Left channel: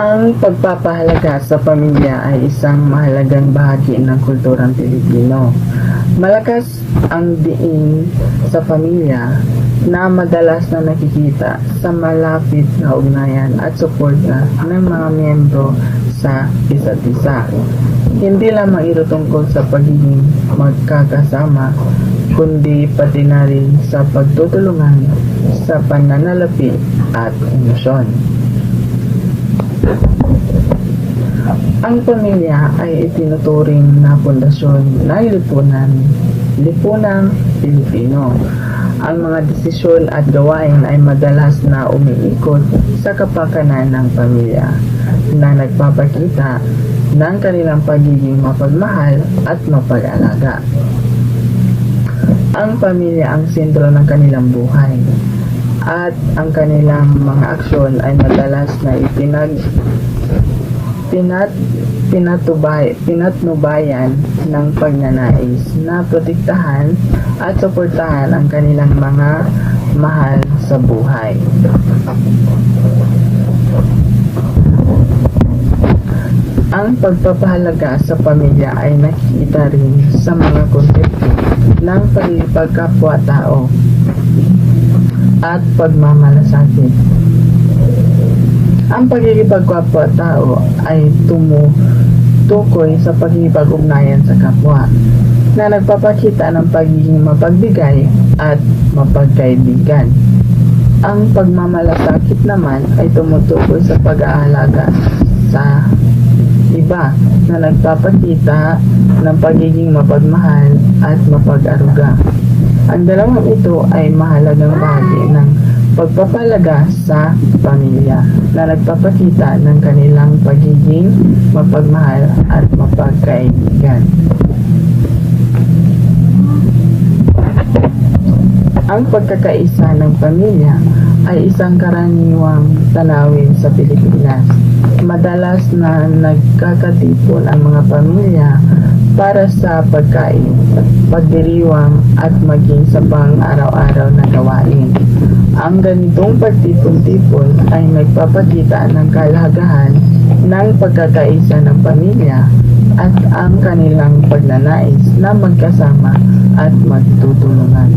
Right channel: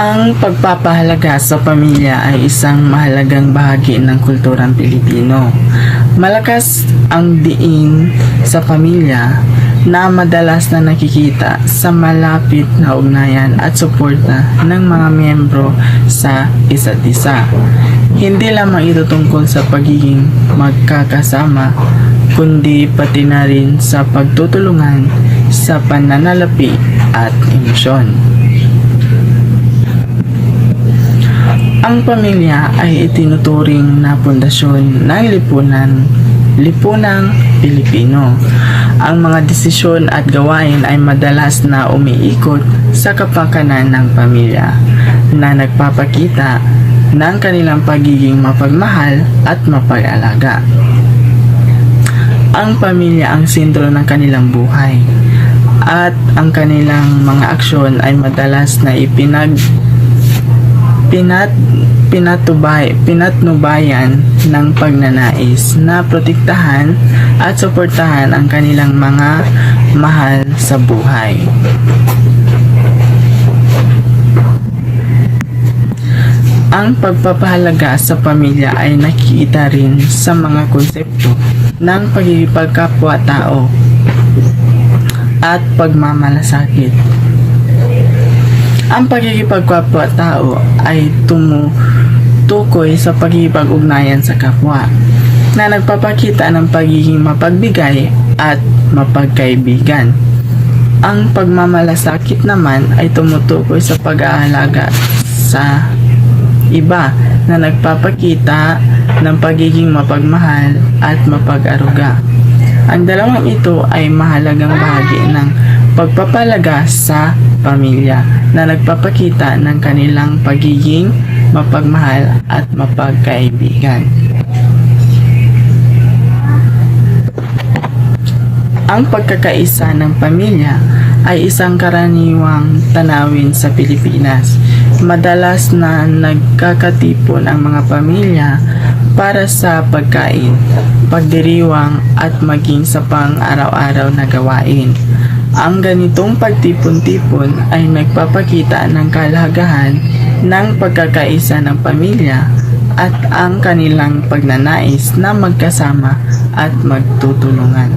Ang pagpapahalaga sa pamilya ay isang mahalagang bahagi ng kulturang Pilipino. Malakas ang diin sa pamilya na madalas na nakikita sa malapit na ugnayan at suporta ng mga miyembro sa isa't isa. Hindi lamang ito tungkol sa pagiging magkakasama, kundi pati na rin sa pagtutulungan sa pananalapi at emosyon. Ang pamilya ay itinuturing na pundasyon ng lipunang Pilipino. Ang mga desisyon at gawain ay madalas na umiikot sa kapakanan ng pamilya na nagpapakita ng kanilang pagiging mapagmahal at mapag-alaga. Ang pamilya ang sentro ng kanilang buhay at kanilang mga aksyon ay madalas na pinatnubayan ng pagnanais na protektahan at suportahan ang kanilang mga mahal sa buhay. Ang pagpapahalaga sa pamilya ay nakikita rin sa mga konsepto ng pagkikipagkapwa-tao at pagmamalasakit. Ang pagkikipagkapwa-tao ay tumutukoy sa pagkikipag-ugnayan sa kapwa na nagpapakita ng pagiging mapagbigay at mapagkaibigan. Ang pagmamalasakit naman ay tumutukoy sa pag-aalaga sa iba na nagpapakita ng pagiging mapagmahal at mapag-aruga. Ang dalawang ito ay mahalagang bahagi ng pagpapalaga sa pamilya na nagpapakita ng kanilang pagiging mapagmahal at mapagkaibigan. Ang pagkakaisa ng pamilya ay isang karaniwang tanawin sa Pilipinas. Madalas na nagkakatipon ang mga pamilya para sa pagkain, pagdiriwang at maging sa pang-araw-araw na gawain. Ang ganitong pagtipon-tipon ay nagpapakita ng kahalagahan ng pagkakaisa ng pamilya at ang kanilang pagnanais na magkasama at magtutulungan.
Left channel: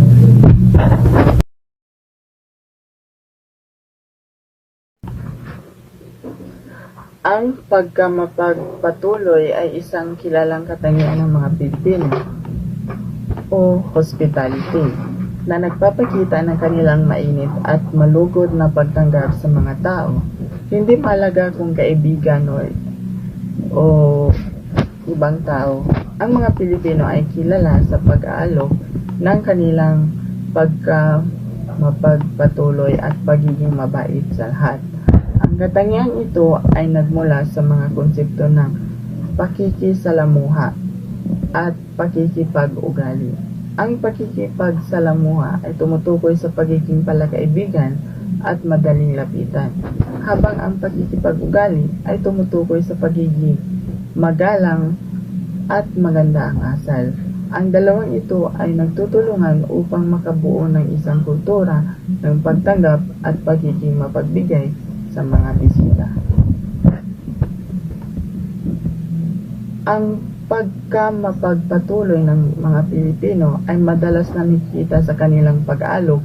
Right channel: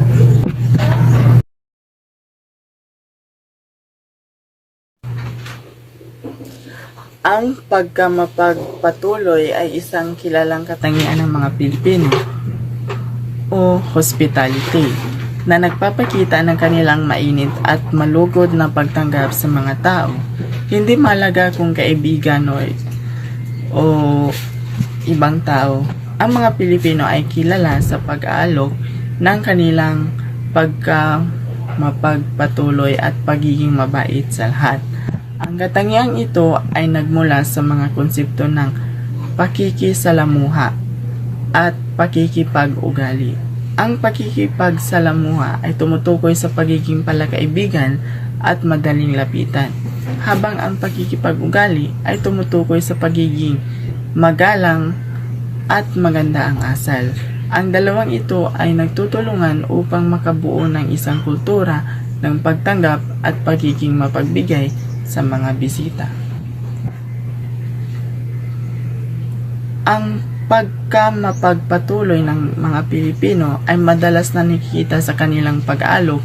Ang pagkamapagpatuloy ay isang kilalang katangian ng mga Pilipino o hospitality na nagpapakita ng kanilang mainit at malugod na pagtanggap sa mga tao. Hindi mahalaga kung kaibigan o ibang tao. Ang mga Pilipino ay kilala sa pag-aalok ng kanilang pagkamapagpatuloy at pagiging mabait sa lahat. Ang katangiang ito ay nagmula sa mga konsepto ng pakikisalamuha at pakikipag-ugali. Ang pakikipagsalamuha ay tumutukoy sa pagiging palakaibigan at madaling lapitan, habang ang pakikipag-ugali ay tumutukoy sa pagiging magalang at maganda ang asal. Ang dalawang ito ay nagtutulungan upang makabuo ng isang kultura ng pagtanggap at pagiging mapagbigay sa mga bisita. Ang pagkamapagpatuloy ng mga Pilipino ay madalas na nakikita sa kanilang pag-aalok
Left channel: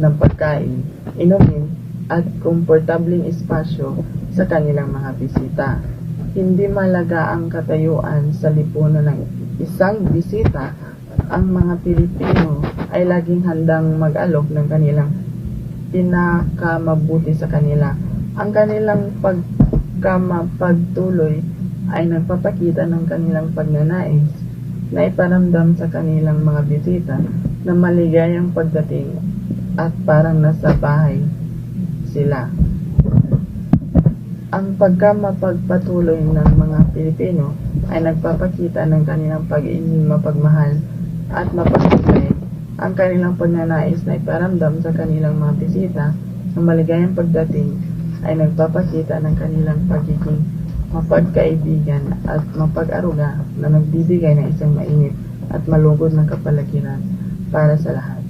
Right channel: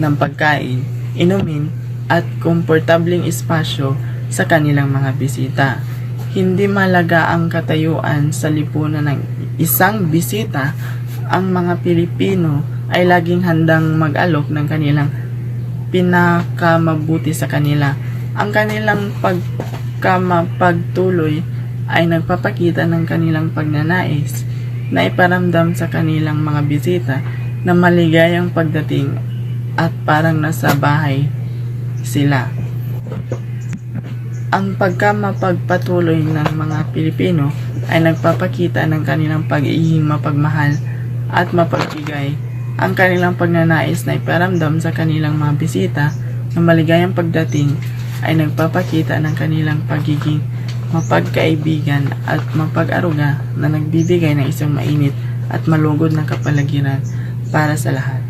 ng pagkain, inumin at komportableng espasyo sa kanilang mga bisita. Hindi mahalaga ang katayuan sa lipunan ng isang bisita, ang mga Pilipino ay laging handang mag-alok ng kanilang pinakamabuti sa kanila. Ang kanilang pagkamapagtuloy ay nagpapakita ng kanilang pagnanais na iparamdam sa kanilang mga bisita na maligayang pagdating at parang nasa bahay sila. Ang pagkamapagpatuloy ng mga Pilipino ay nagpapakita ng kanilang pagiging mapagmahal at mapagbigay. Ang kanilang pagnanais na iparamdam sa kanilang mga bisita na maligayang pagdating ay nagpapakita ng kanilang pagiging mapagkaibigan at mapag-aruga na nagbibigay ng isang mainit at malugod na kapaligiran para sa lahat.